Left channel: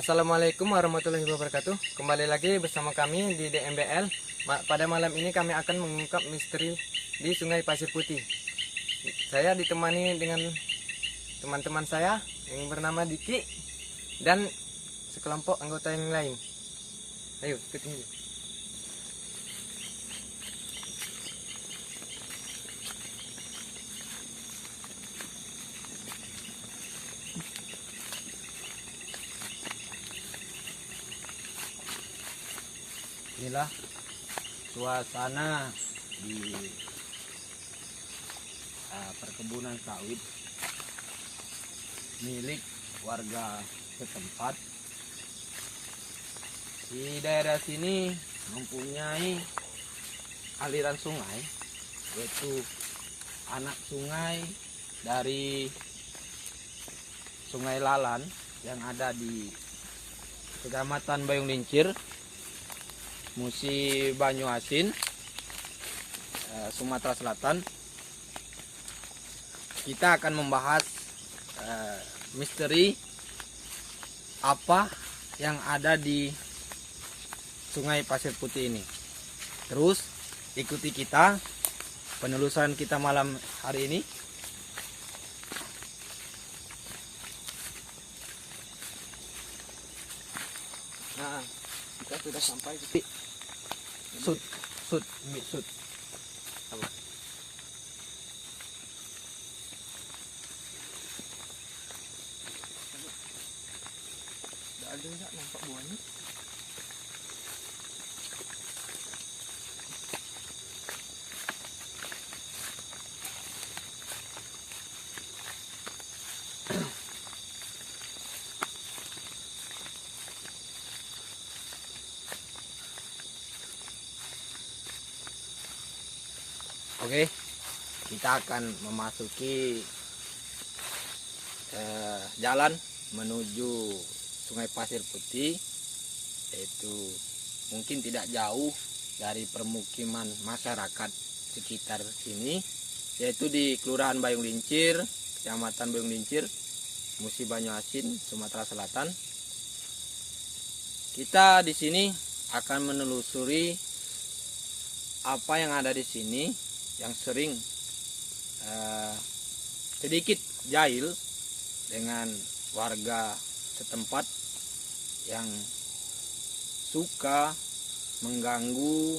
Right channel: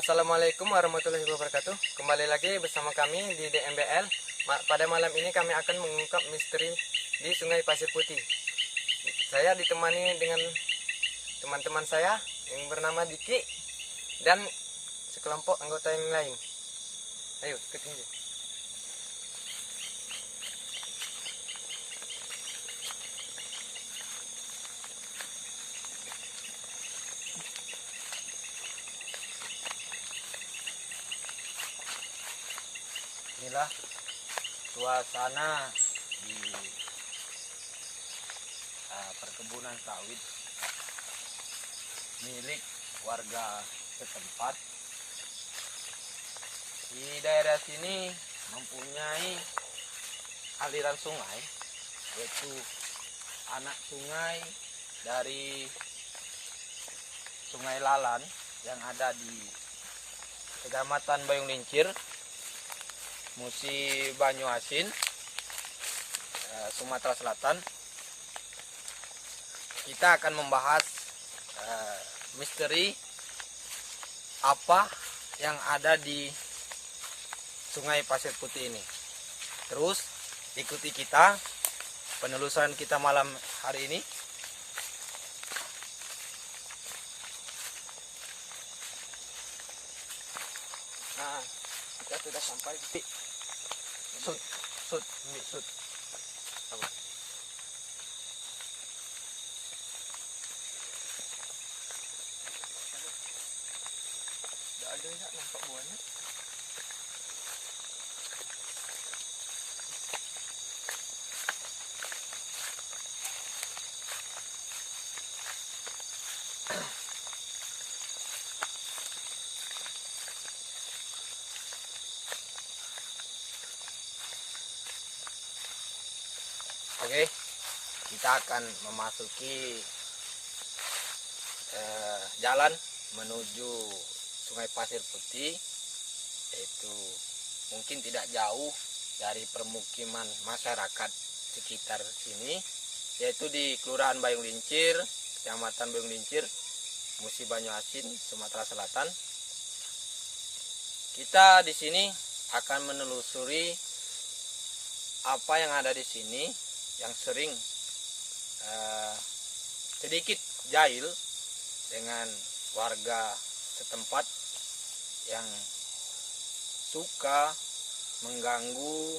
Assalamualaikum warahmatullahi wabarakatuh. Kembali lagi bersama kami di DMBL. Pada malam ini kami akan mengungkap misteri di Sungai Pasir Putih. Saya ditemani dengan teman-teman saya yang bernama Diki dan sekelompok anggota yang lain. Ayo, ikutin. Inilah suasana di perkebunan sawit milik warga setempat. Di daerah sini mempunyai aliran sungai, yaitu anak sungai dari Sungai Lalan yang ada di Kecamatan Bayung Lincir, Musi Banyuasin, Sumatera Selatan. Kita akan membahas misteri apa yang ada di Sungai Pasir Putih ini. Terus ikuti kita penelusuran kita malam hari ini. Nah, kita sudah sampai di Sud. apa? Ada enggak nampak buahnya? Oke, kita akan memasuki jalan menuju Sungai Pasir Putih, yaitu mungkin tidak jauh dari permukiman masyarakat sekitar sini, yaitu di Kelurahan Bayung Lincir, Kecamatan Bayung Lincir, Musi Banyuasin, Sumatera Selatan. Kita di sini akan menelusuri apa yang ada di sini yang sering sedikit jahil dengan warga setempat yang suka mengganggu,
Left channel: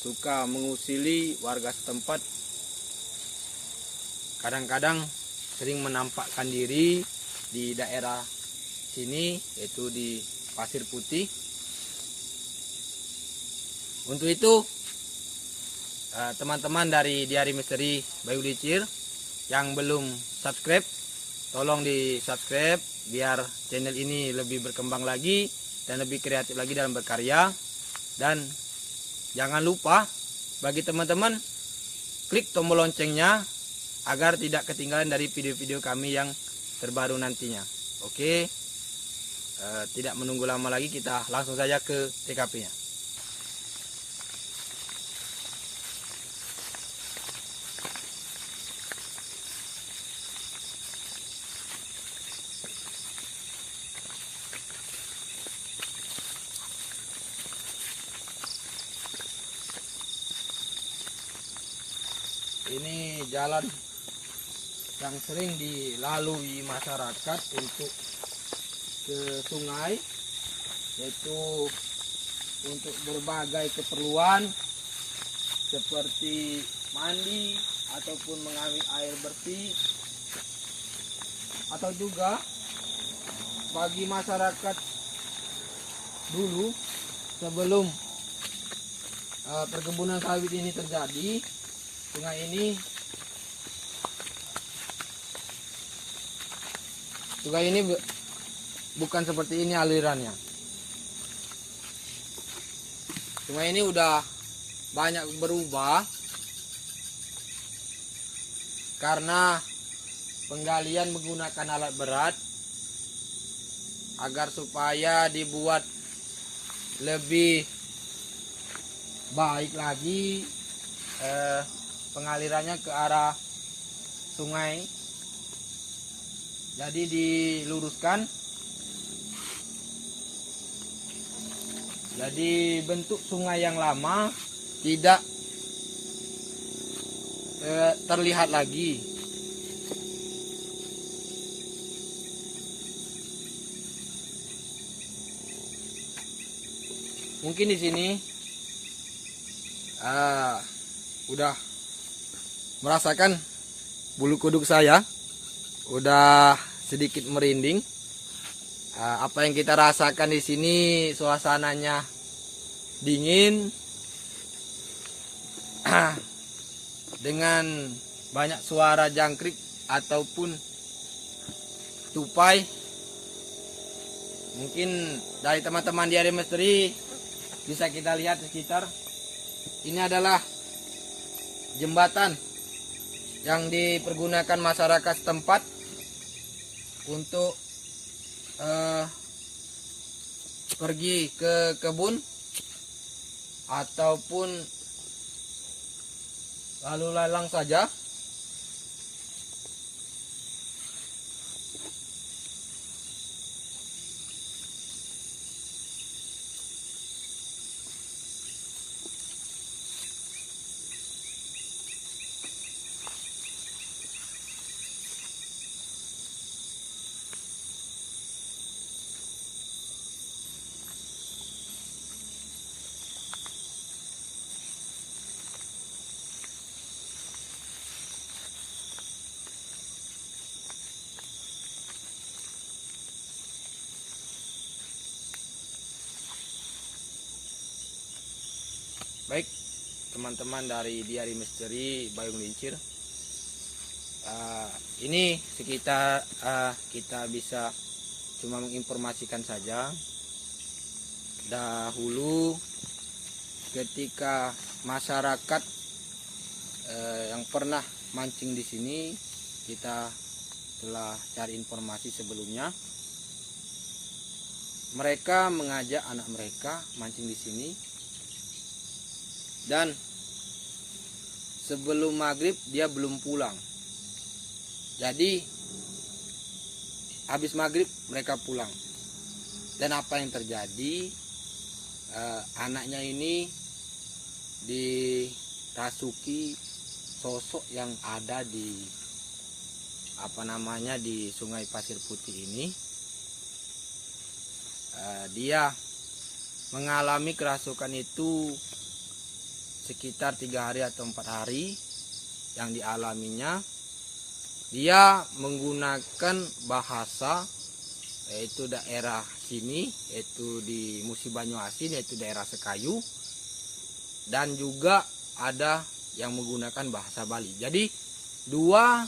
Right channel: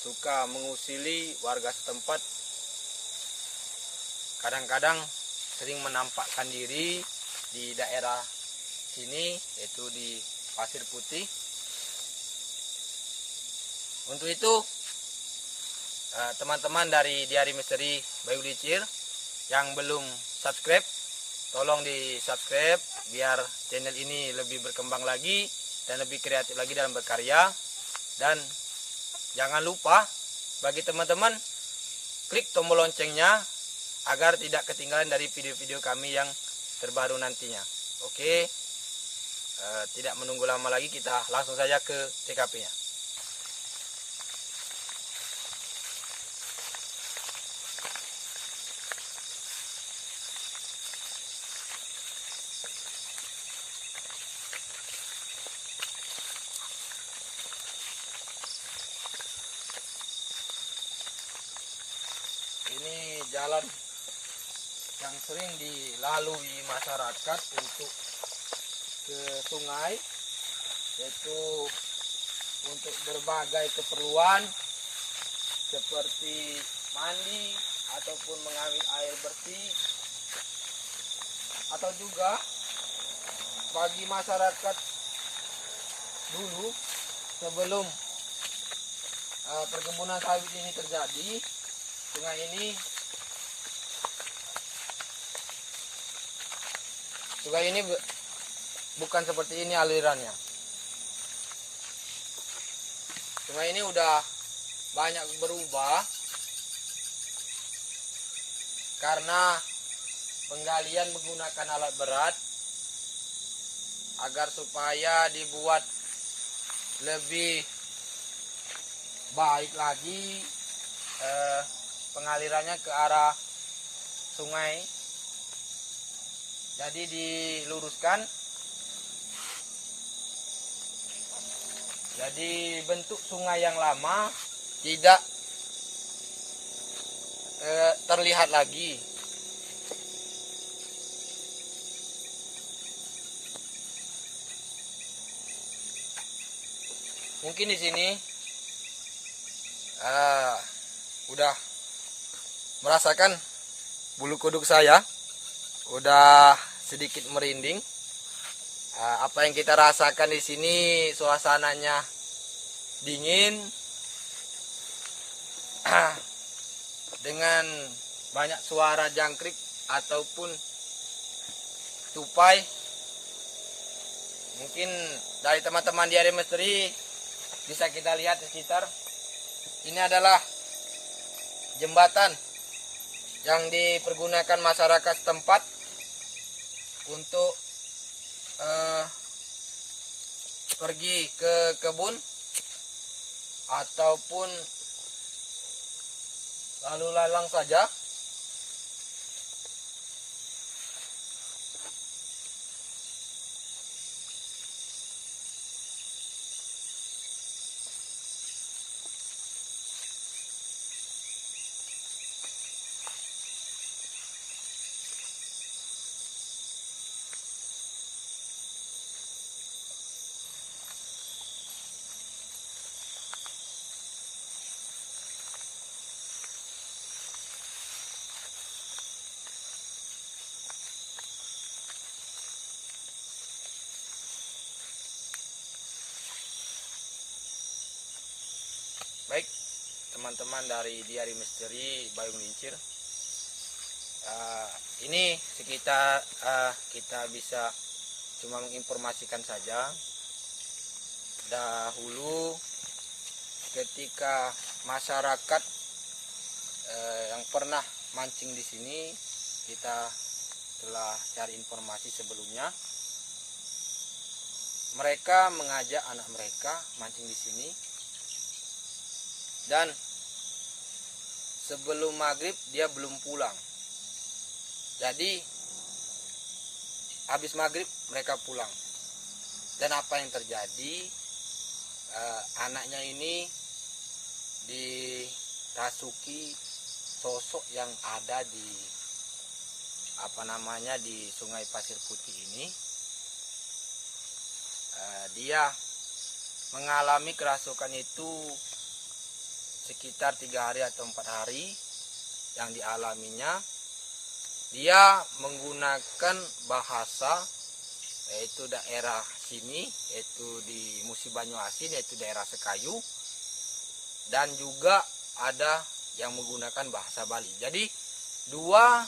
suka mengusili warga setempat. Kadang-kadang sering menampakkan diri di daerah sini, yaitu di Pasir Putih. Untuk itu teman-teman dari Diari Misteri Bayung Lincir yang belum subscribe, tolong di subscribe biar channel ini lebih berkembang lagi dan lebih kreatif lagi dalam berkarya. Dan jangan lupa bagi teman-teman klik tombol loncengnya agar tidak ketinggalan dari video-video kami yang terbaru nantinya. Oke, tidak menunggu lama lagi, kita langsung saja ke TKP-nya. Ini jalan yang sering dilalui masyarakat untuk ke sungai, yaitu untuk berbagai keperluan seperti mandi ataupun mengambil air bersih, atau juga bagi masyarakat dulu sebelum perkebunan sawit ini terjadi. Sungai ini bukan seperti ini alirannya. Sungai ini udah banyak berubah karena penggalian menggunakan alat berat agar supaya dibuat lebih baik lagi pengalirannya ke arah sungai. Jadi diluruskan Jadi bentuk sungai yang lama tidak terlihat lagi. Mungkin di sini udah merasakan bulu kuduk saya udah sedikit merinding. Apa yang kita rasakan di sini, suasananya dingin dengan banyak suara jangkrik ataupun tupai. Mungkin dari teman-teman di area misteri bisa kita lihat di sekitar. Ini adalah jembatan yang dipergunakan masyarakat setempat untuk pergi ke kebun ataupun lalu lalang saja. Baik, teman-teman dari Diari Misteri Bayung Lincir, ini sekitar kita bisa cuma menginformasikan saja. Dahulu ketika masyarakat yang pernah mancing di sini, kita telah cari informasi sebelumnya. Mereka mengajak anak mereka mancing di sini. Dan sebelum maghrib dia belum pulang. Jadi habis maghrib mereka pulang. Dan apa yang terjadi? Anaknya ini dirasuki sosok yang ada di di Sungai Pasir Putih ini. Dia mengalami kerasukan itu sekitar 3 hari atau 4 hari yang dialaminya. Dia menggunakan bahasa yaitu daerah sini, yaitu di Musi Banyuasin, yaitu daerah Sekayu, dan juga ada yang menggunakan bahasa Bali. Jadi dua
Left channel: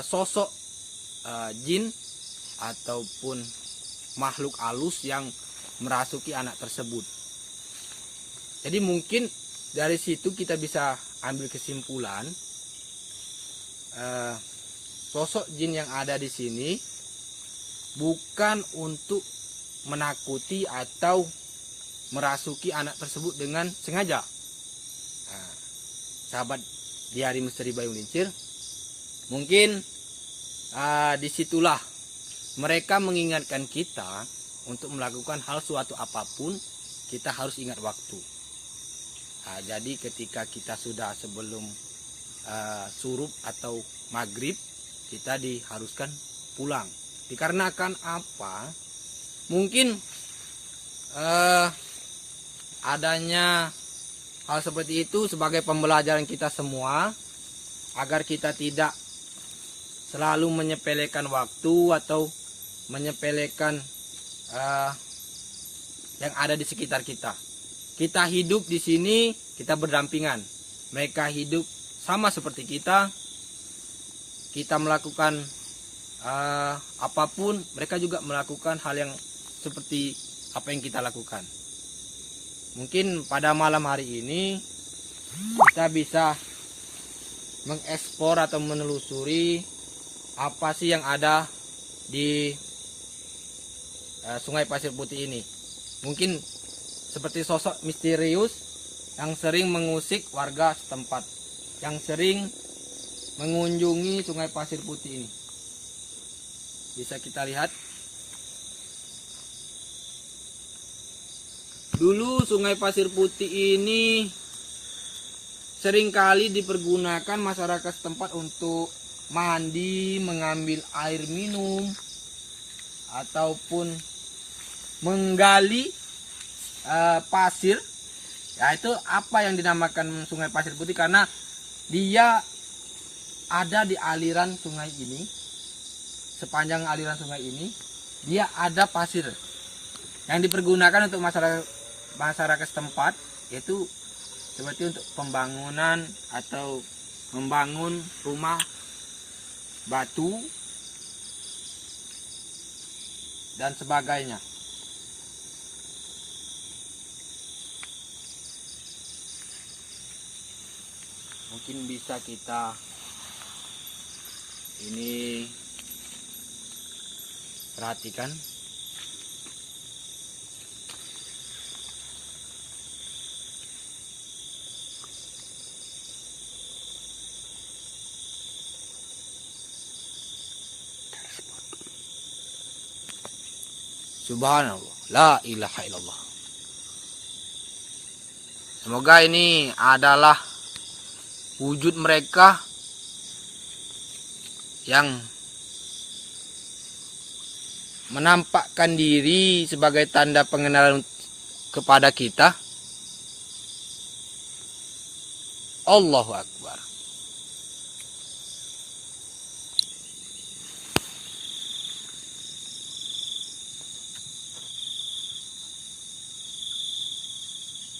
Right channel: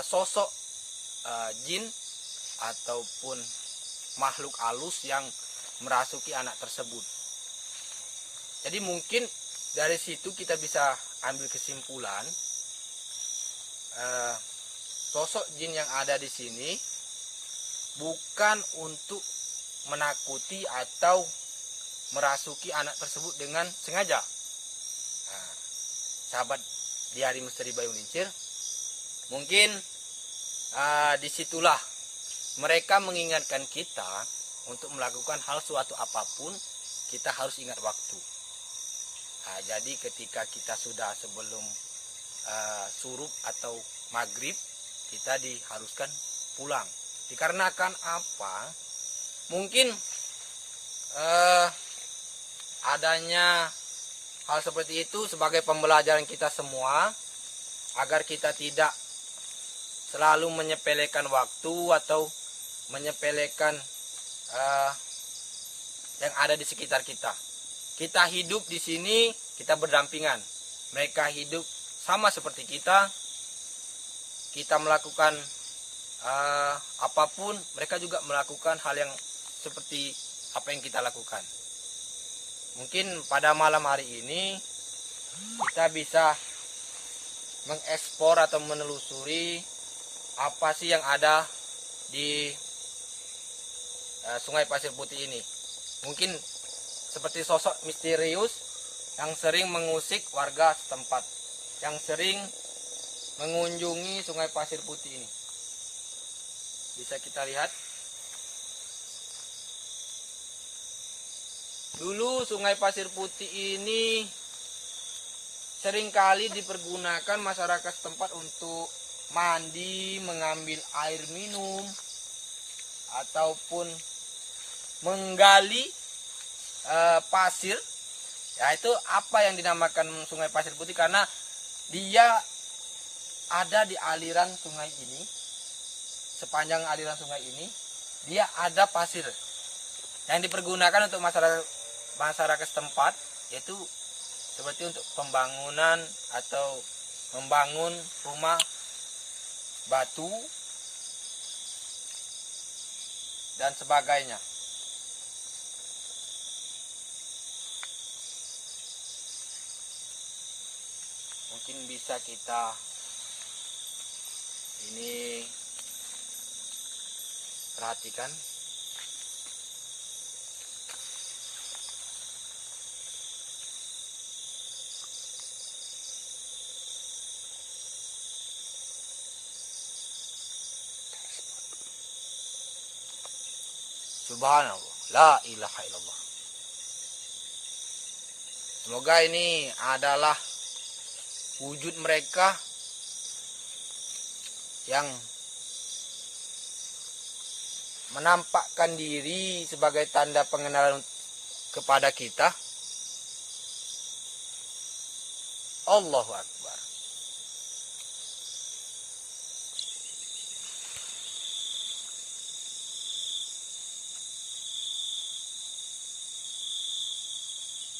sosok jin ataupun makhluk halus yang merasuki anak tersebut. Jadi mungkin dari situ kita bisa ambil kesimpulan sosok jin yang ada di sini bukan untuk menakuti atau merasuki anak tersebut dengan sengaja. Sahabat Diari Misteri Bayung Lincir, mungkin disitulah mereka mengingatkan kita untuk melakukan hal suatu apapun, kita harus ingat waktu. Jadi ketika kita sudah sebelum surup atau maghrib, kita diharuskan pulang. Dikarenakan apa? Mungkin adanya hal seperti itu sebagai pembelajaran kita semua, agar kita tidak selalu menyepelekan waktu atau menyepelekan yang ada di sekitar kita. Kita hidup di sini, kita berdampingan. Mereka hidup sama seperti kita. Kita melakukan apapun, mereka juga melakukan hal yang seperti apa yang kita lakukan. Mungkin pada malam hari ini kita bisa mengekspor atau menelusuri apa sih yang ada di Sungai Pasir Putih ini. Mungkin seperti sosok misterius yang sering mengusik warga setempat, yang sering mengunjungi Sungai Pasir Putih ini. Bisa kita lihat. Dulu Sungai Pasir Putih ini seringkali dipergunakan masyarakat setempat untuk mandi, mengambil air minum, ataupun menggali pasir. Ya, itu apa yang dinamakan Sungai Pasir Putih, karena dia ada di aliran sungai ini. Sepanjang aliran sungai ini dia ada pasir yang dipergunakan untuk masyarakat setempat, yaitu seperti untuk pembangunan atau membangun rumah batu dan sebagainya. Mungkin bisa kita ini perhatikan. Subhanallah, la ilaha illallah. Semoga ini adalah wujud mereka yang menampakkan diri sebagai tanda pengenalan kepada kita. Allahu Akbar.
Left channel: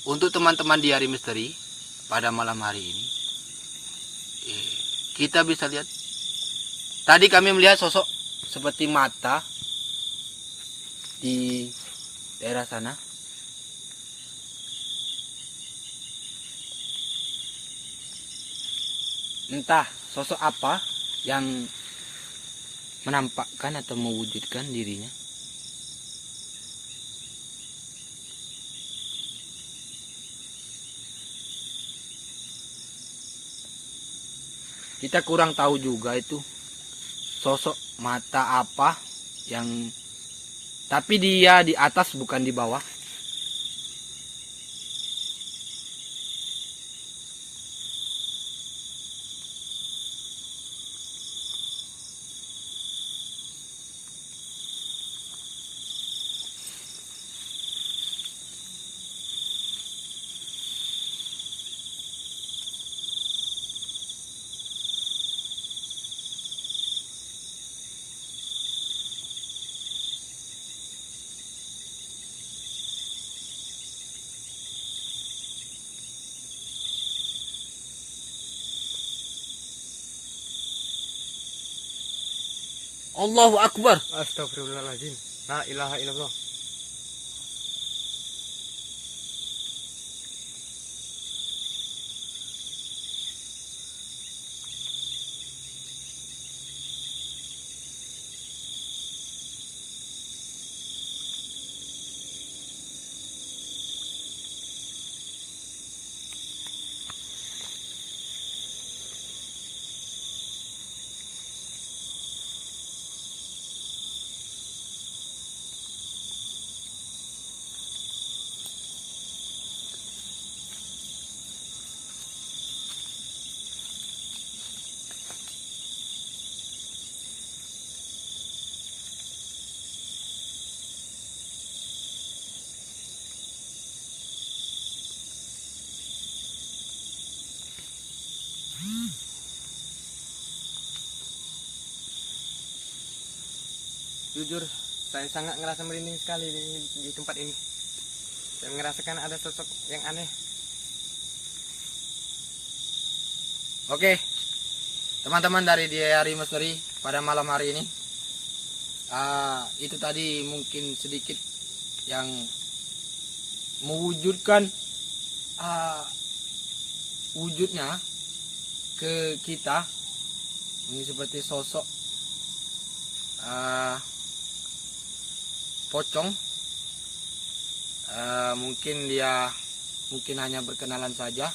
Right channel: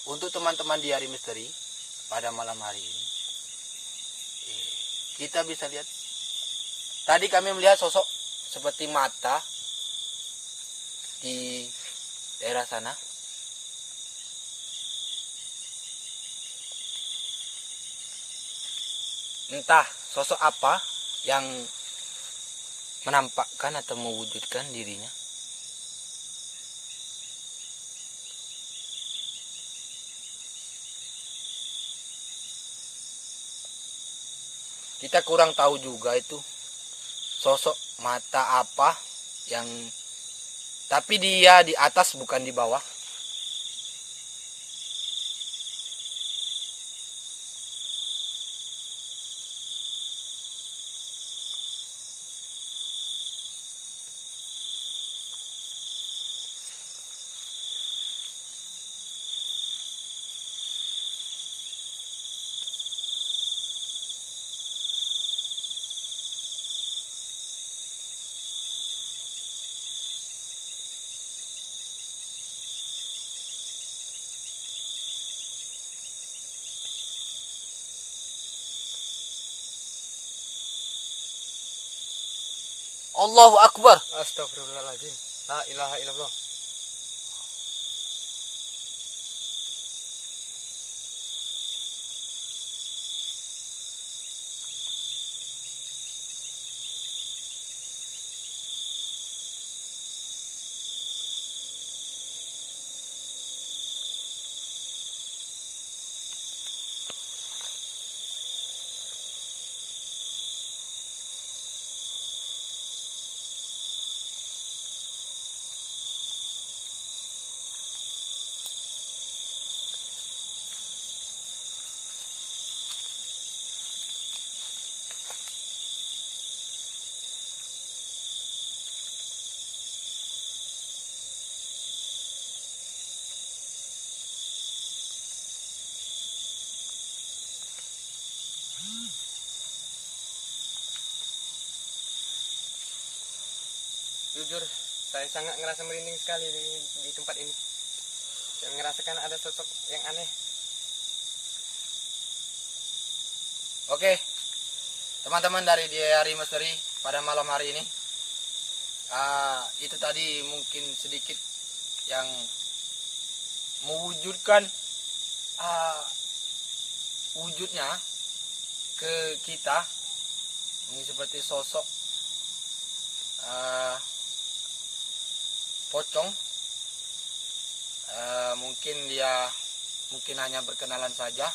Untuk teman-teman di hari misteri pada malam hari ini, kita bisa lihat, tadi kami melihat sosok seperti mata di daerah sana. Entah sosok apa yang menampakkan atau mewujudkan dirinya. Kita kurang tahu juga itu sosok mata apa yang, tapi dia di atas bukan di bawah. Allahu Akbar. Astagfirullahaladzim. La ilaha illallah. Jujur, saya sangat ngerasa merinding sekali di tempat ini. Saya merasakan ada sosok yang aneh. Oke, teman-teman dari di hari misteri pada malam hari ini, itu tadi mungkin sedikit yang mewujudkan wujudnya ke kita. Ini seperti sosok pocong. Mungkin dia hanya berkenalan saja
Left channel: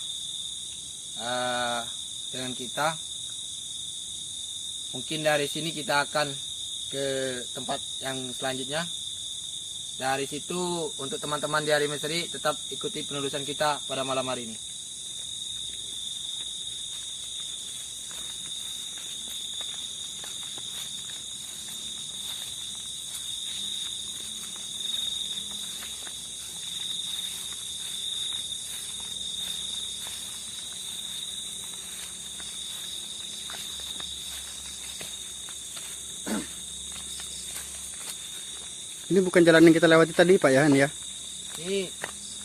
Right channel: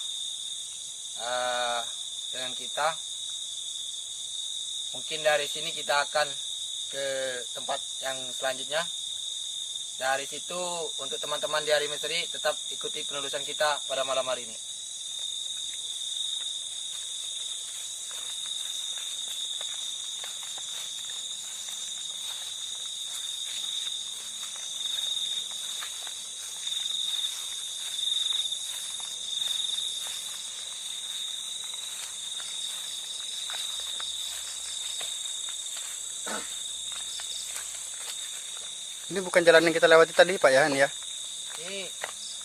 dengan kita. Mungkin dari sini kita akan ke tempat yang selanjutnya. Dari situ untuk teman-teman di hari misteri tetap ikuti penelusuran kita pada malam hari ini. Ini bukan jalan yang kita lewati tadi Pak ya, ini ya? Ini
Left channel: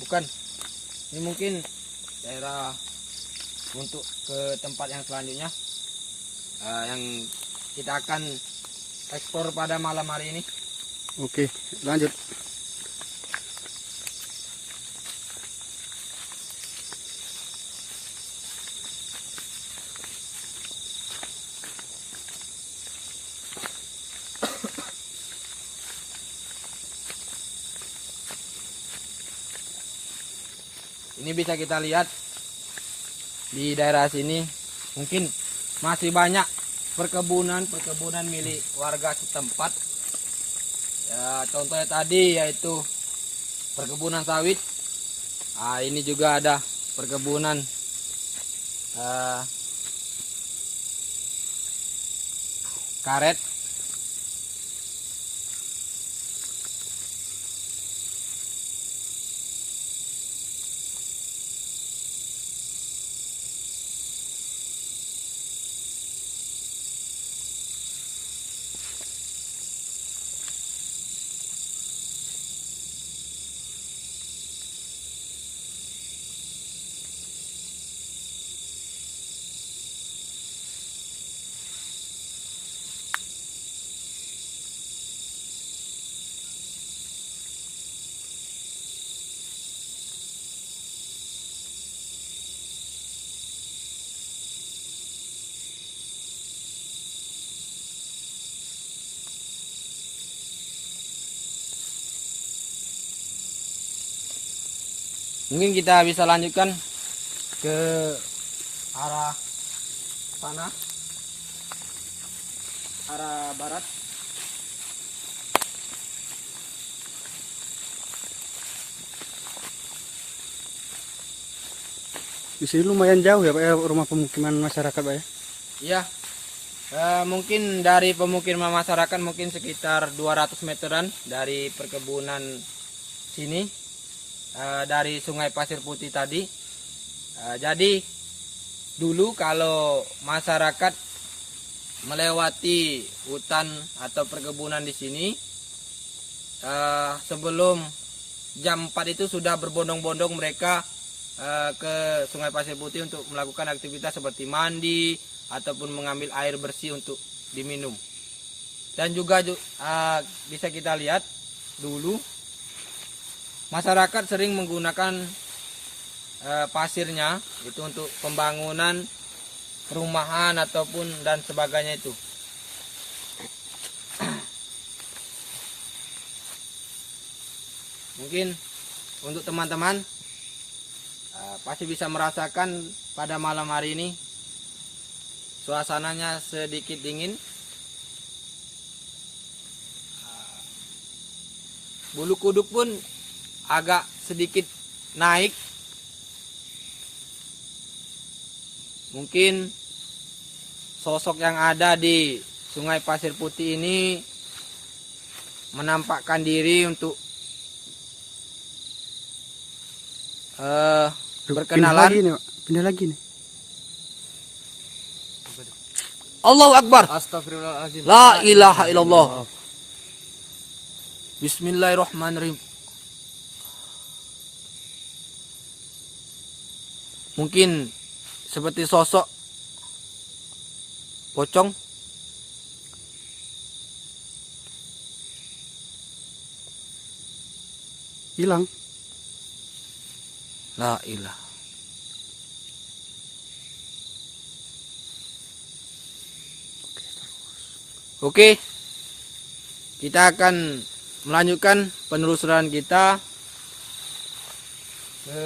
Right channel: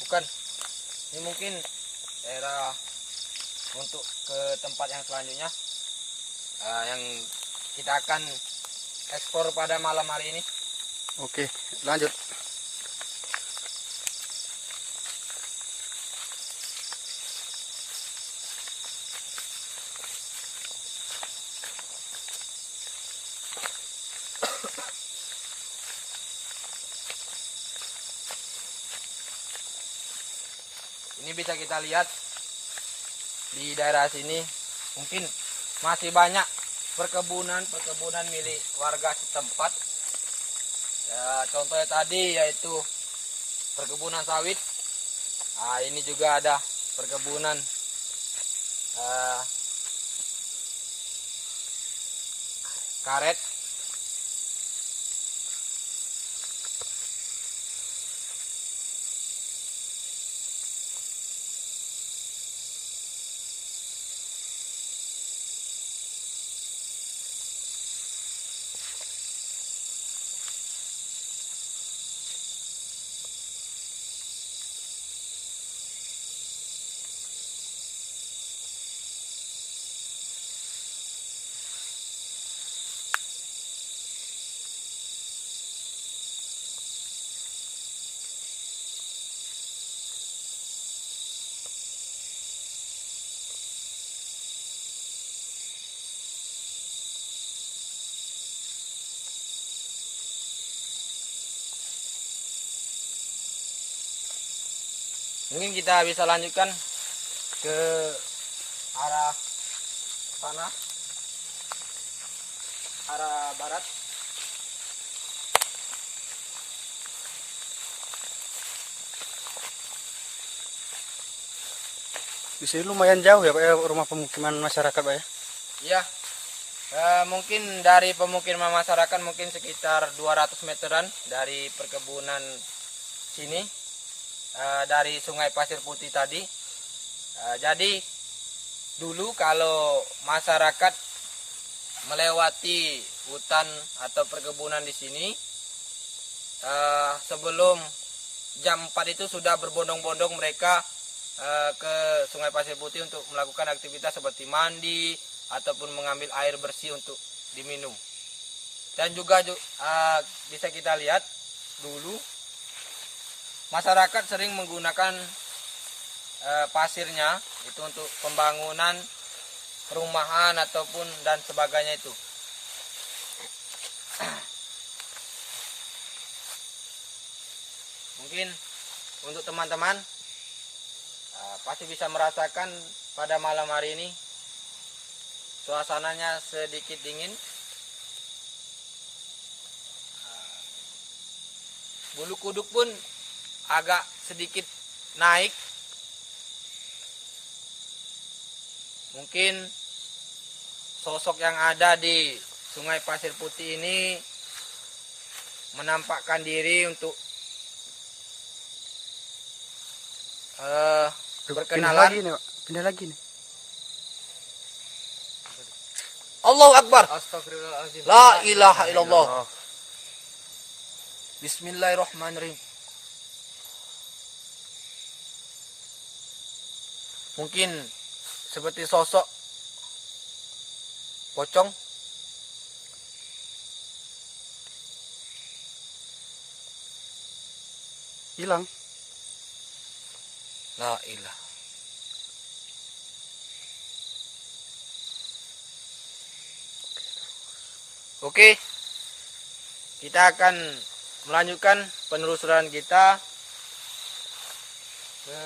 bukan. Ini mungkin daerah untuk ke tempat yang selanjutnya. Yang kita akan eksplor pada malam hari ini. Oke, lanjut. Ini bisa kita lihat di daerah sini mungkin masih banyak perkebunan milik warga setempat. Ya, contohnya tadi yaitu perkebunan sawit. Nah, ini juga ada perkebunan karet. Mungkin kita bisa lanjutkan ke arah sana, arah barat. Di sini lumayan jauh ya Pak ya, rumah pemukiman masyarakat Pak ya? Iya, mungkin dari pemukiman masyarakat mungkin sekitar 200 meteran dari perkebunan sini. Dari Sungai Pasir Putih tadi. Jadi dulu kalau masyarakat melewati hutan atau perkebunan di sini, sebelum jam 4 itu sudah berbondong-bondong mereka ke Sungai Pasir Putih untuk melakukan aktivitas seperti mandi ataupun mengambil air bersih untuk diminum. Dan juga bisa kita lihat dulu masyarakat sering menggunakan pasirnya itu untuk pembangunan perumahan ataupun dan sebagainya itu. Mungkin untuk teman-teman pasti bisa merasakan pada malam hari ini suasananya sedikit dingin. Bulu kuduk pun agak sedikit naik. Mungkin sosok yang ada di Sungai Pasir Putih ini menampakkan diri untuk Pindah berkenalan. lagi nih Pak, pindah lagi nih. Allahu Akbar. Astagfirullahaladzim. La ilaha illallah. Bismillahirrahmanirrahim. Mungkin seperti sosok pocong. Hilang. La ilah. Oke. Kita akan melanjutkan penelusuran kita ke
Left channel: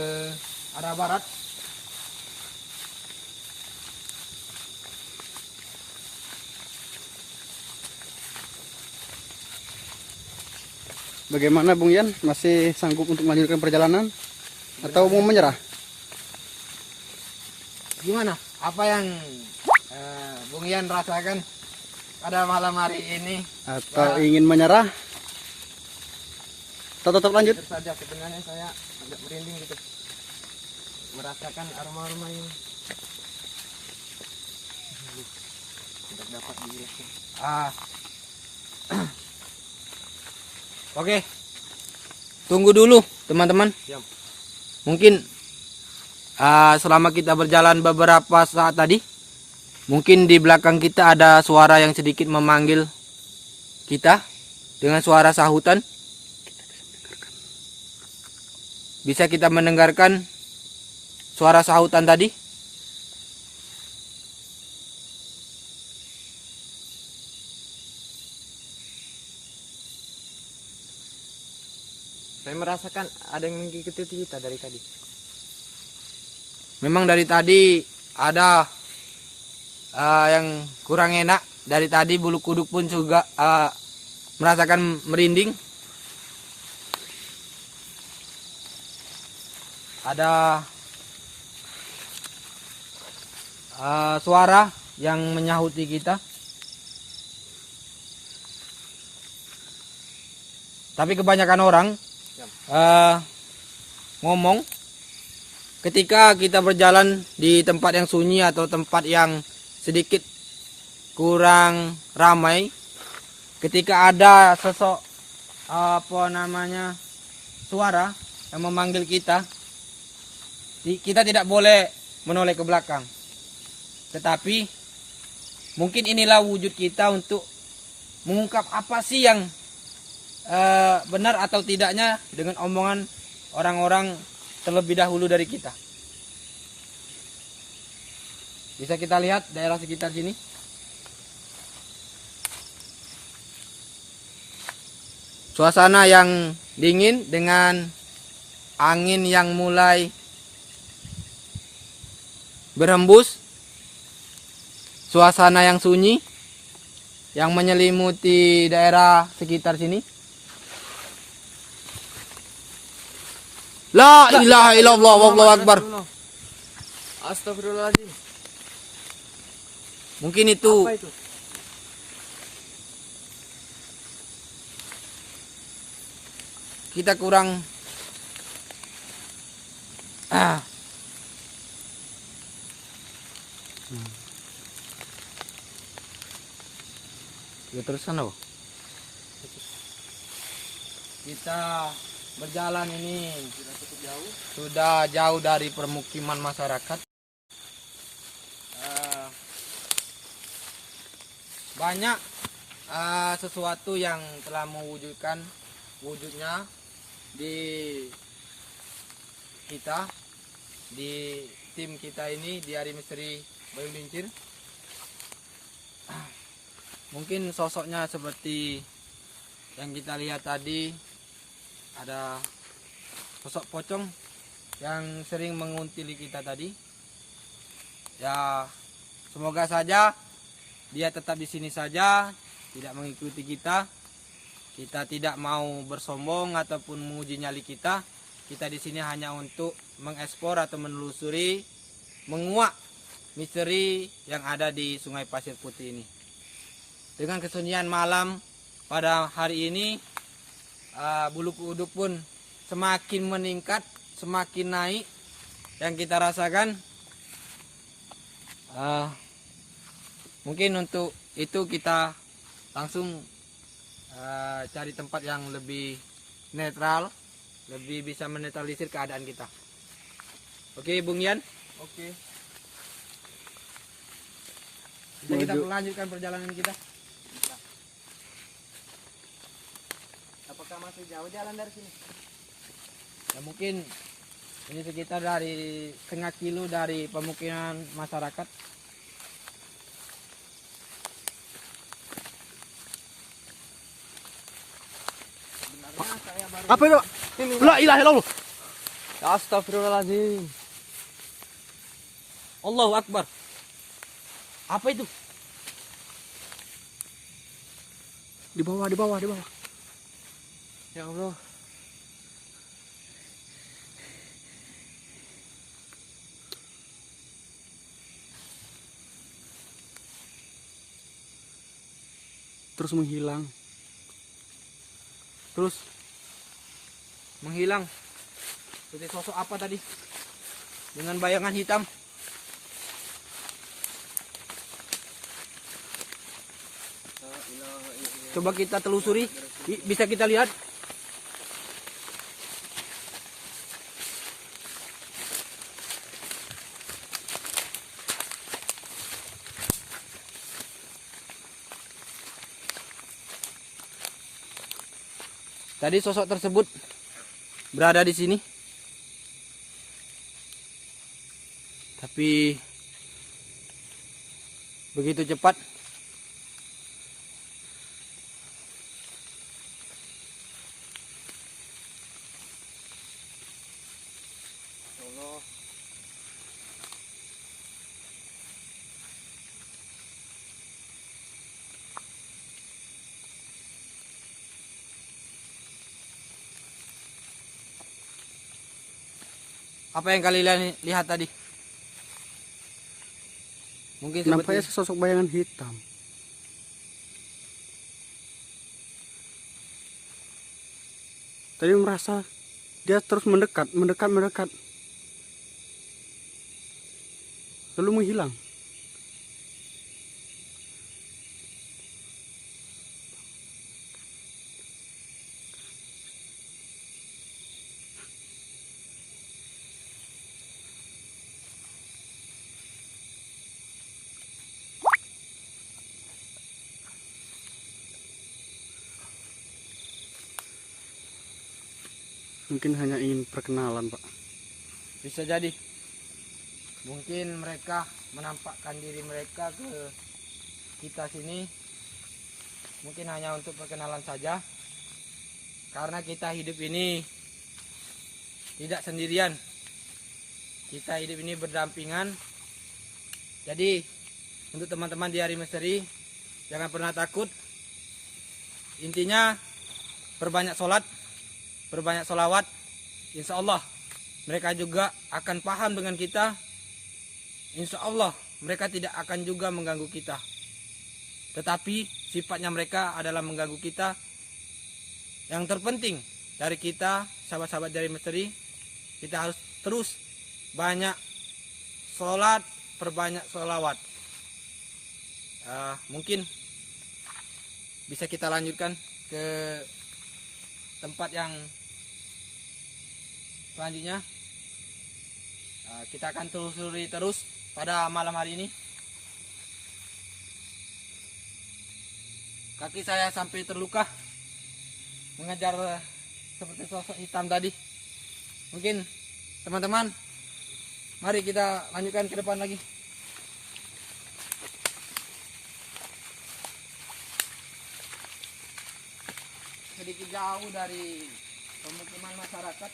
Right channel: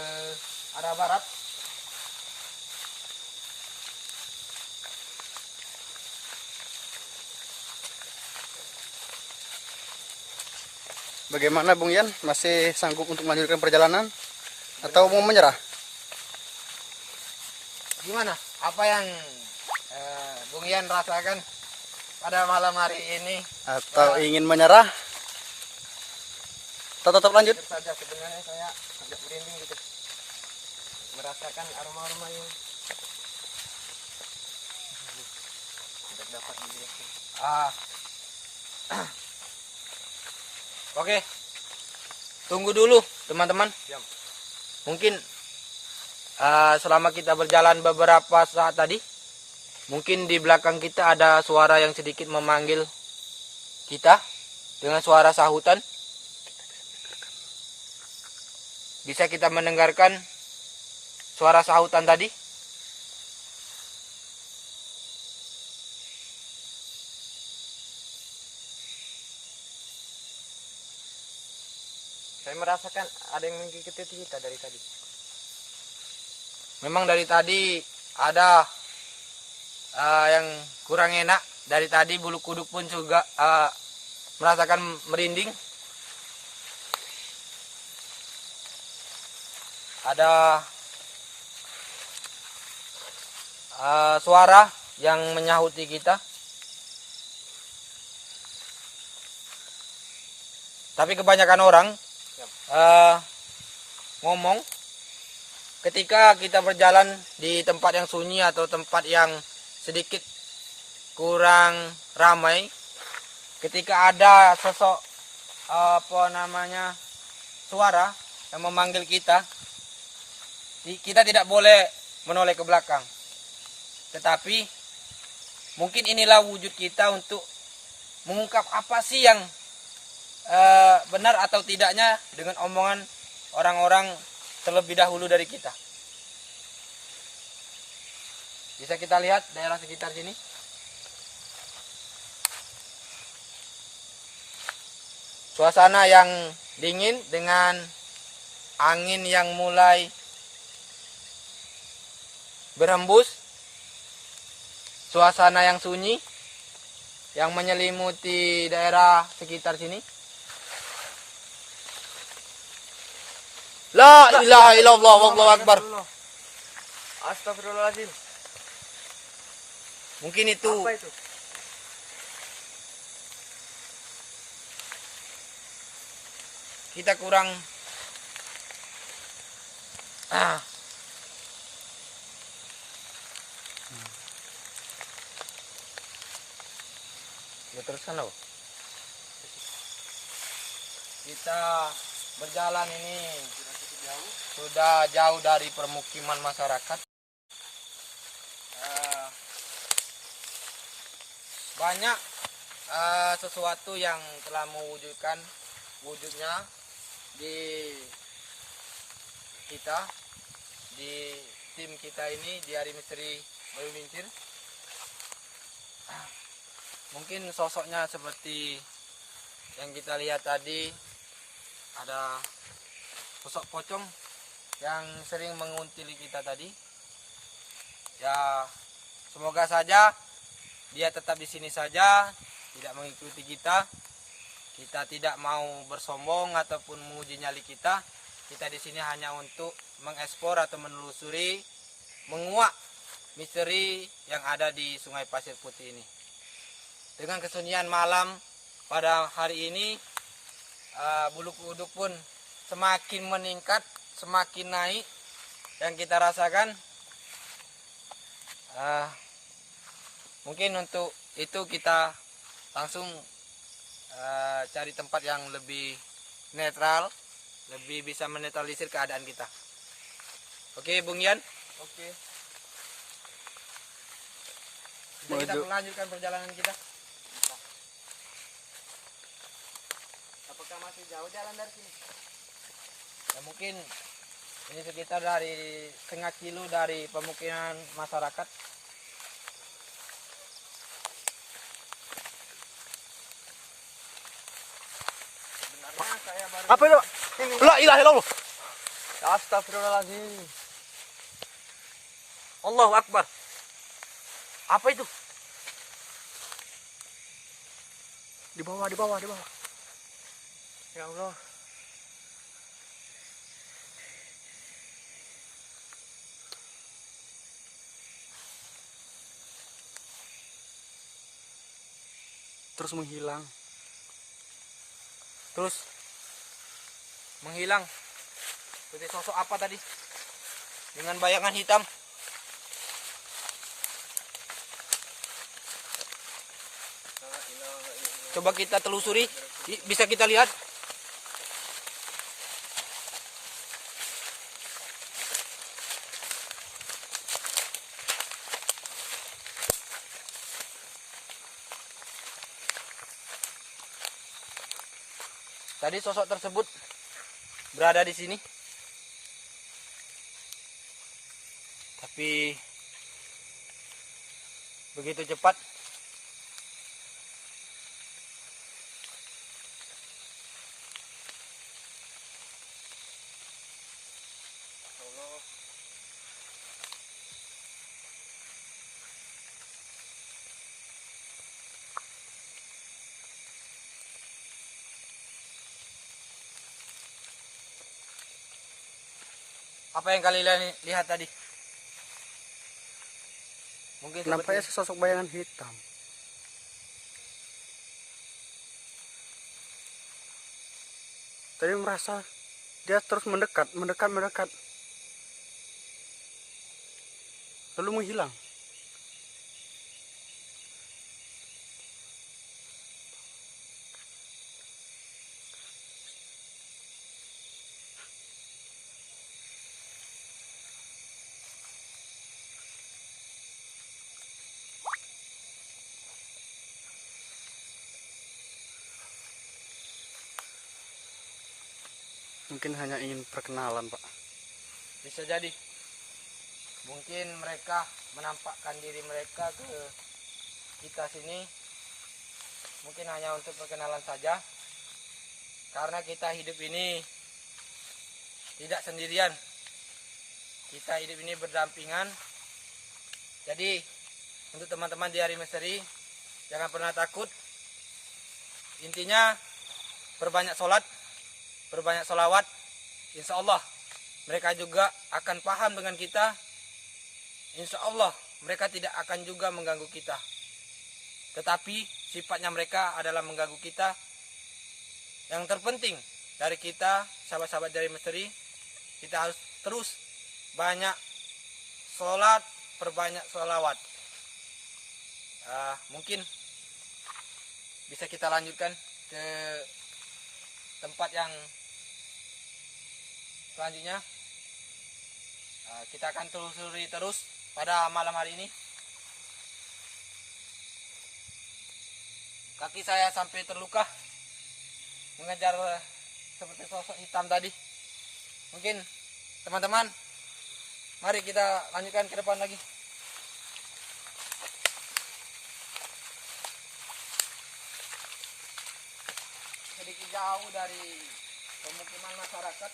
arah barat. Bagaimana Bung Yan? Masih sanggup untuk melanjutkan perjalanan atau mau menyerah? Gimana? Apa yang Bung Yan rasakan pada malam hari ini? Atau ingin menyerah? Atau tetap lanjut? Jujur saja sebenarnya saya agak merinding gitu, merasakan aroma-aroma yang tidak dapat dijelaskan. Oke, tunggu dulu teman-teman. Siap. Mungkin selama kita berjalan beberapa saat tadi, mungkin di belakang kita ada suara yang sedikit memanggil kita dengan suara sahutan. Bisa kita mendengarkan suara sahutan tadi? Saya merasakan ada yang mengikuti kita dari tadi. Memang dari tadi ada yang kurang enak. Dari tadi bulu kuduk pun juga merasakan merinding. Ada suara yang menyahuti kita. Tapi kebanyakan orang ngomong ketika kita berjalan di tempat yang sunyi atau tempat yang sedikit kurang ramai, ketika ada sosok suara yang memanggil kita, kita tidak boleh menoleh ke belakang. Tetapi mungkin inilah wujud kita untuk mengungkap apa sih yang benar atau tidaknya dengan omongan orang-orang terlebih dahulu dari kita. Bisa kita lihat daerah sekitar sini. Suasana yang dingin dengan angin yang mulai berhembus. Suasana yang sunyi yang menyelimuti daerah sekitar sini. La ilaha illallah wallahu akbar. Astagfirullahaladzim. Mungkin itu Apa itu? kita kurang ya terus sana. Kita berjalan ini sudah jauh dari permukiman masyarakat. Banyak sesuatu yang telah mewujudkan wujudnya di kita, di tim kita ini, di Hari Misteri Bayu Lincir. Mungkin sosoknya seperti yang kita lihat tadi, ada sosok pocong yang sering menguntili kita tadi. Ya, semoga saja dia tetap di sini saja, tidak mengikuti kita. Kita tidak mau bersombong ataupun menguji nyali kita. Kita di sini hanya untuk mengekspor atau menelusuri, menguak misteri yang ada di Sungai Pasir Putih ini. Dengan kesunyian malam pada hari ini, bulu kuduk pun semakin meningkat, semakin naik. Yang kita rasakan, mungkin untuk itu kita langsung cari tempat yang lebih netral, lebih bisa menetralisir keadaan kita. Oke, Bung Yan. Oke. Bisa kita melanjutkan perjalanan kita. Apakah masih jauh jalan dari sini? Ya mungkin ini sekitar dari setengah kilo dari pemukiman masyarakat. Sebenarnya saya baru. Apa itu? La ilaha illallah. Astagfirullahaladzim. Allahu Akbar. Apa itu? Di bawah, di bawah, di bawah. Ya Allah. Terus menghilang. Terus menghilang. Seperti sosok apa tadi? Dengan bayangan hitam. Coba kita telusuri. Bisa kita lihat. Tadi sosok tersebut berada di sini. Tapi begitu cepat. Allah. Apa yang kalian lihat tadi? Mungkin Nampaknya seperti sesosok bayangan hitam. Tadi merasa dia terus mendekat. Lalu menghilang. Mungkin hanya ingin perkenalan, Pak. bisa jadi. Mungkin mereka menampakkan diri mereka ke kita sini. Mungkin hanya untuk perkenalan saja. Karena kita hidup ini tidak sendirian. Kita hidup ini berdampingan. Jadi untuk teman-teman di Hari Misteri, jangan pernah takut. Intinya perbanyak sholat, perbanyak sholawat. Insya Allah mereka juga akan paham dengan kita. Insya Allah mereka tidak akan juga mengganggu kita. Tetapi sifatnya mereka adalah mengganggu kita. Yang terpenting dari kita, sahabat-sahabat dari Misteri, kita harus terus banyak sholat, perbanyak sholawat. Mungkin bisa kita lanjutkan ke tempat yang selanjutnya. Kita akan telusuri terus pada malam hari ini. Kaki saya sampai terluka mengejar seperti sosok hitam tadi. Mungkin teman-teman, mari kita lanjutkan ke depan lagi. Sedikit jauh dari pemukiman masyarakat.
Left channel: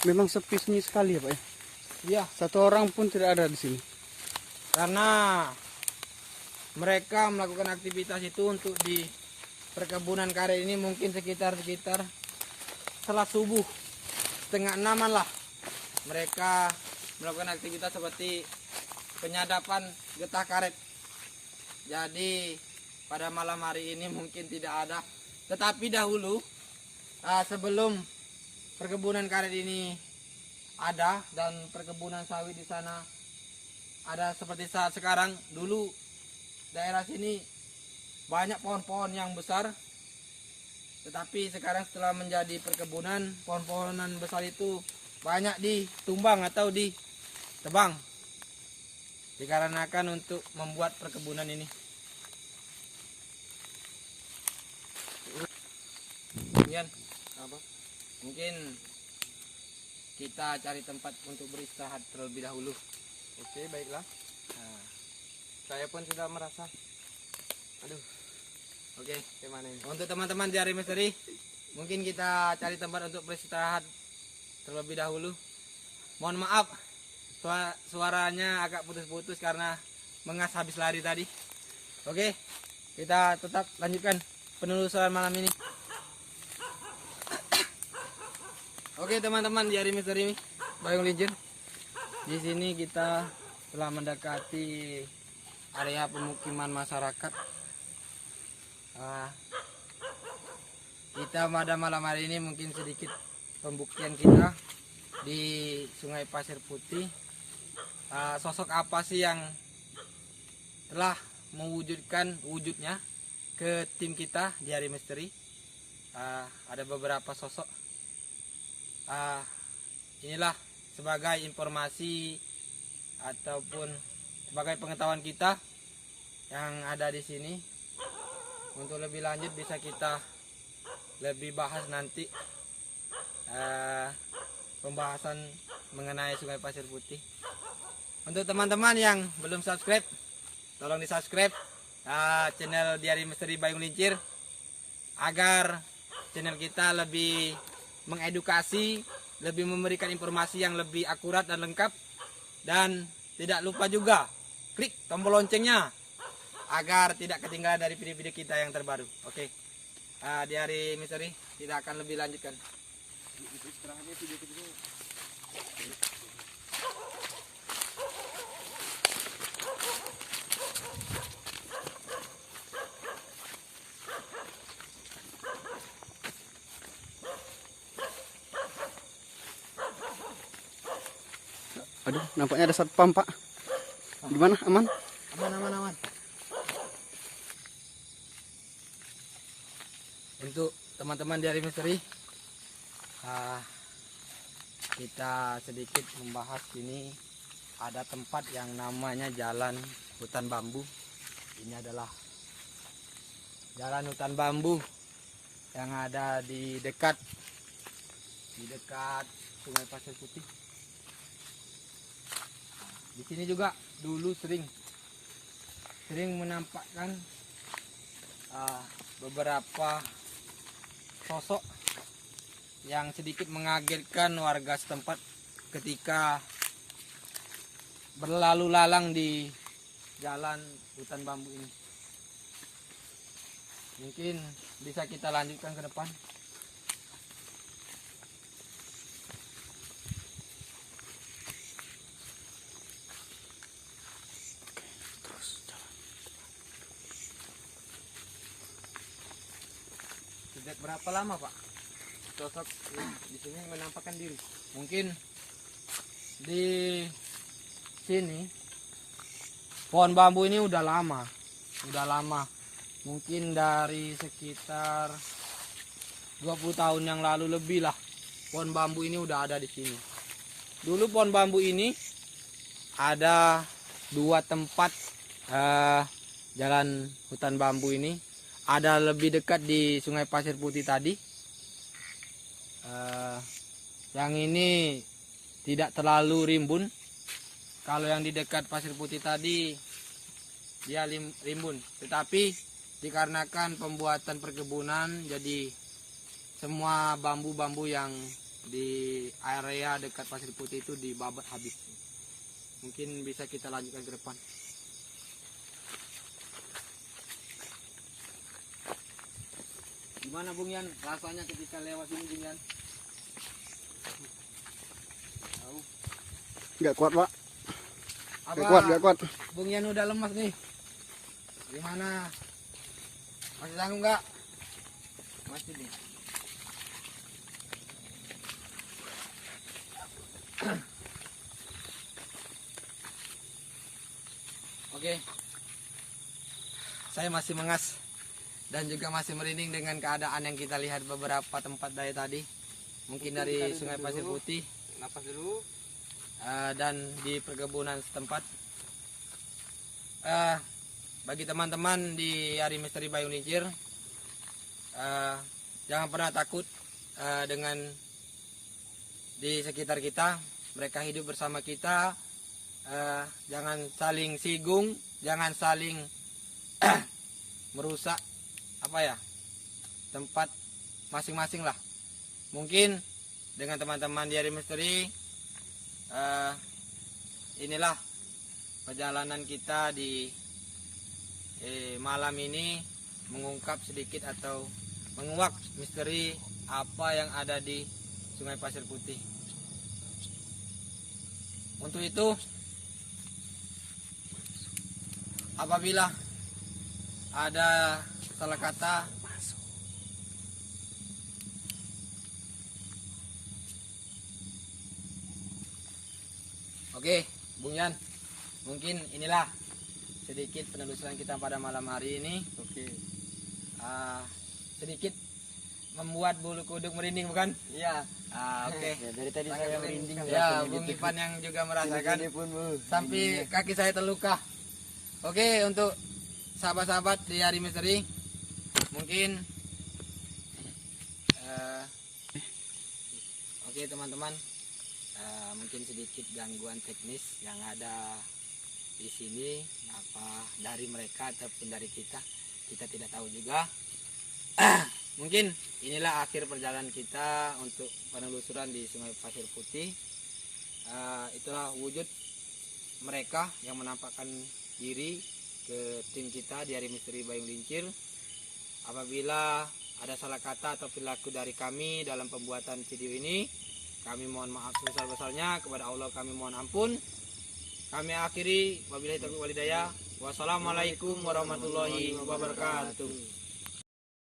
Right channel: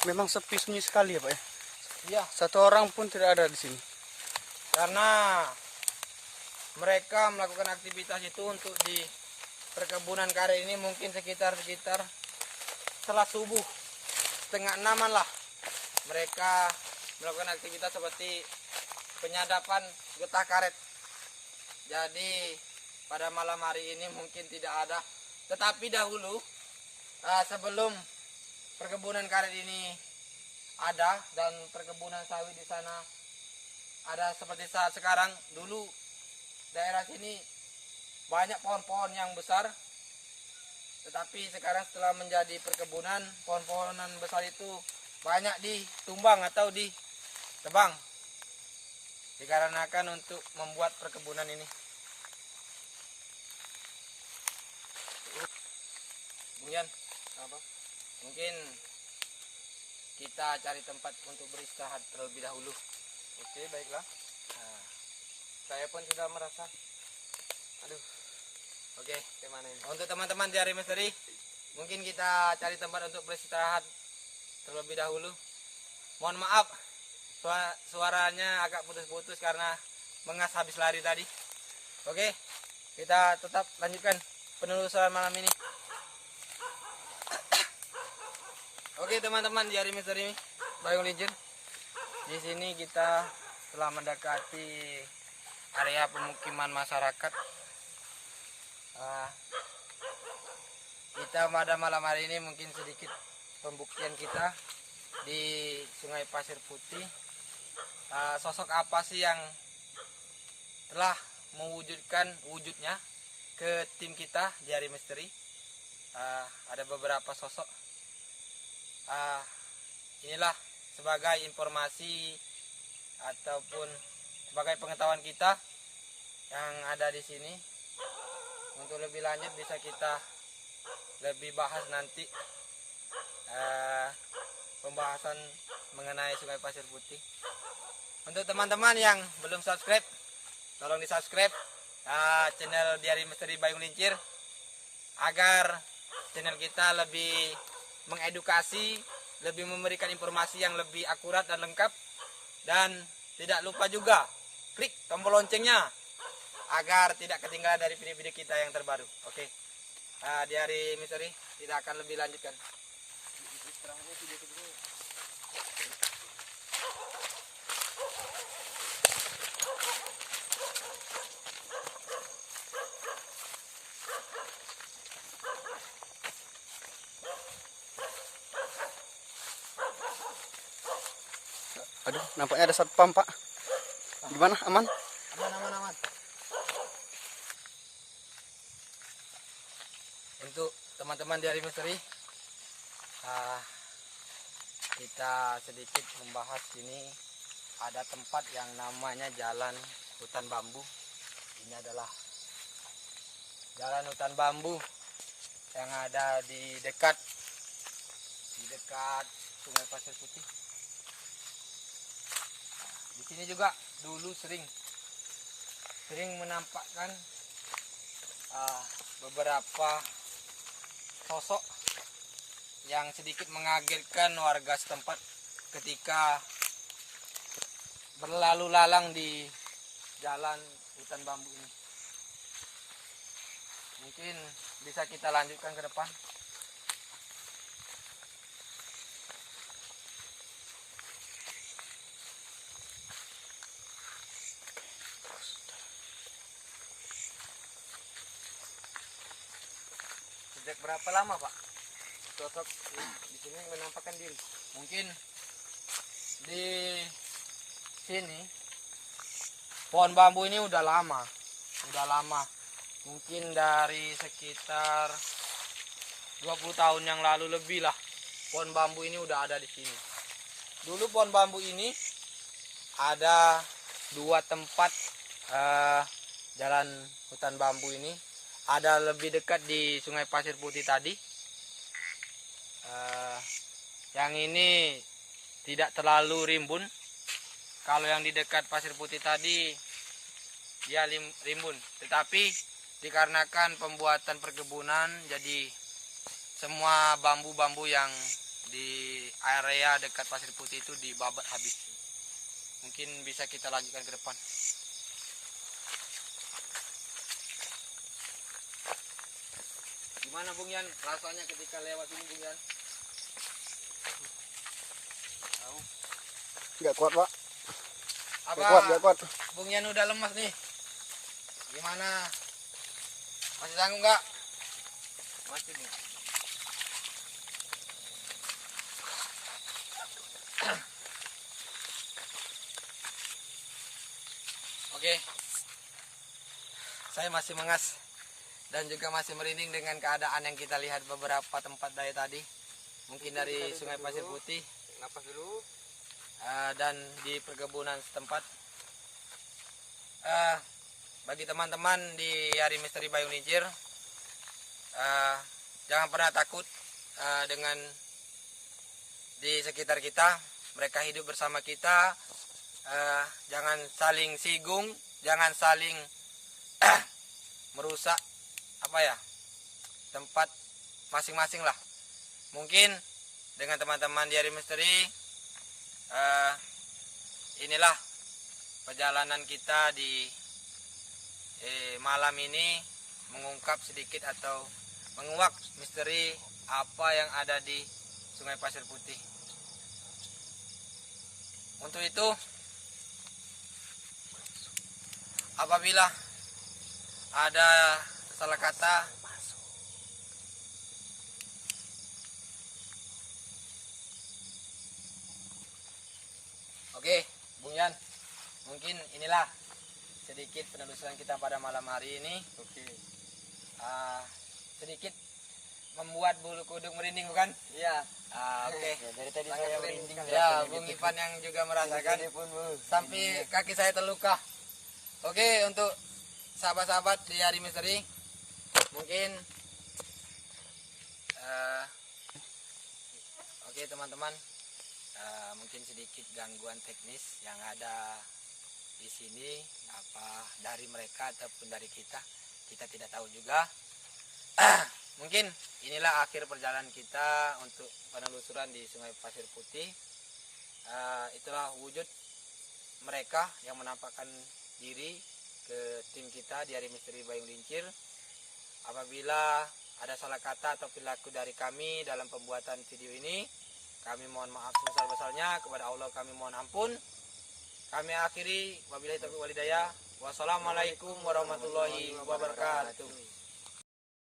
Memang sepi sunyi sekali ya, Pak ya. Iya, Satu orang pun tidak ada di sini. karena mereka melakukan aktivitas itu untuk di perkebunan karet ini mungkin sekitar setelah subuh 5:30 lah. Mereka melakukan aktivitas seperti penyadapan getah karet. Jadi pada malam hari ini mungkin tidak ada. Tetapi dahulu sebelum perkebunan karet ini ada dan perkebunan sawit di sana ada seperti saat sekarang, dulu daerah sini banyak pohon-pohon yang besar. Tetapi sekarang setelah menjadi perkebunan, pohon-pohonan besar itu banyak ditumbang atau ditebang. Dikarenakan untuk membuat perkebunan ini. Kemudian mungkin kita cari tempat untuk beristirahat terlebih dahulu. Oke, baiklah. Nah, saya pun sudah merasa, aduh, Oke, gimana ini? untuk teman-teman di Hari Misteri, mungkin kita cari tempat untuk beristirahat terlebih dahulu. Mohon maaf, suaranya agak putus-putus karena mengas habis lari tadi. Oke, kita tetap lanjutkan penelusuran malam ini. Oke teman-teman di Hari Misteri Bayung Lincir, di sini kita telah mendekati area pemukiman masyarakat. Kita pada malam hari ini mungkin sedikit pembuktian kita di Sungai Pasir Putih. Sosok apa sih yang telah mewujudkan wujudnya ke tim kita di Hari Misteri? Ada beberapa sosok. Inilah sebagai informasi ataupun sebagai pengetahuan kita yang ada di sini. Untuk lebih lanjut bisa kita lebih bahas nanti pembahasan mengenai Sungai Pasir Putih. Untuk teman-teman yang belum subscribe, tolong di subscribe channel di Hari Misteri Bayung Lincir agar channel kita lebih mengedukasi, lebih memberikan informasi yang lebih akurat dan lengkap. Dan tidak lupa juga klik tombol loncengnya agar tidak ketinggalan dari video-video kita yang terbaru. Oke, di Hari Misteri kita akan lebih lanjutkan. Aduh, nampaknya ada satpam, Pak. Gimana? Aman? Aman. Untuk teman-teman di Hari Misteri, kita sedikit membahas ini. Ada tempat yang namanya Jalan Hutan Bambu. Ini adalah Jalan Hutan Bambu yang ada di dekat Sungai Pasir Putih. Di sini juga dulu sering menampakkan beberapa sosok yang sedikit mengagetkan warga setempat ketika berlalu lalang di jalan hutan bambu ini. Mungkin bisa kita lanjutkan ke depan. Sejak berapa lama, Pak, sosok di sini menampakkan diri? Mungkin di sini pohon bambu ini udah lama. Mungkin dari sekitar 20 tahun yang lalu lebih lah pohon bambu ini udah ada di sini. Dulu pohon bambu ini ada dua tempat jalan hutan bambu ini. Ada lebih dekat di Sungai Pasir Putih tadi. Yang ini tidak terlalu rimbun. Kalau yang di dekat Pasir Putih tadi dia rimbun. Tetapi dikarenakan pembuatan perkebunan, jadi semua bambu-bambu yang di area dekat Pasir Putih itu dibabat habis. Mungkin bisa kita lanjutkan ke depan. Gimana Bung Yan rasanya ketika lewat ini Bung Yan? Nggak kuat, Pak. Apa Nggak kuat. Bung Yan udah lemas nih? Gimana? Masih sanggup nggak? Masih nih. Oke. Saya masih mengas dan juga masih merinding dengan keadaan yang kita lihat beberapa tempat dari tadi. Mungkin dari Sungai Pasir Putih Napas dulu. dan di perkebunan setempat. Bagi teman-teman di Hari Misteri Bayung Lincir, jangan pernah takut dengan di sekitar kita. Mereka hidup bersama kita, jangan saling sigung, jangan saling merusak tempat masing-masing lah. Mungkin dengan teman-teman di Hari Misteri, inilah perjalanan kita di malam ini, mengungkap sedikit atau menguak misteri apa yang ada di Sungai Pasir Putih. Untuk itu, apabila ada salah kata, oke, Bung Yan, mungkin inilah sedikit penelusuran kita pada malam hari ini. Oke. Sedikit membuat bulu kuduk merinding, bukan? Iya. Oke. Ya, dari tadi saya merinding. Ya, Bung Ipan yang juga merasakan sampai kaki saya terluka. Oke, untuk sahabat-sahabat di Hari Misteri, mungkin oke teman-teman, mungkin sedikit gangguan teknis yang ada di sini, apa dari mereka ataupun dari kita tidak tahu juga. Mungkin inilah akhir perjalanan kita untuk penelusuran di Sungai Pasir Putih. Itulah wujud mereka yang menampakkan diri ke tim kita di Hari Misteri Bayung Lincir. Apabila ada salah kata atau perilaku dari kami dalam pembuatan video ini, kami mohon maaf sebesar-besarnya. Kepada Allah kami mohon ampun. Kami akhiri, wabillahi taufiq walhidayah. Wassalamualaikum warahmatullahi wabarakatuh.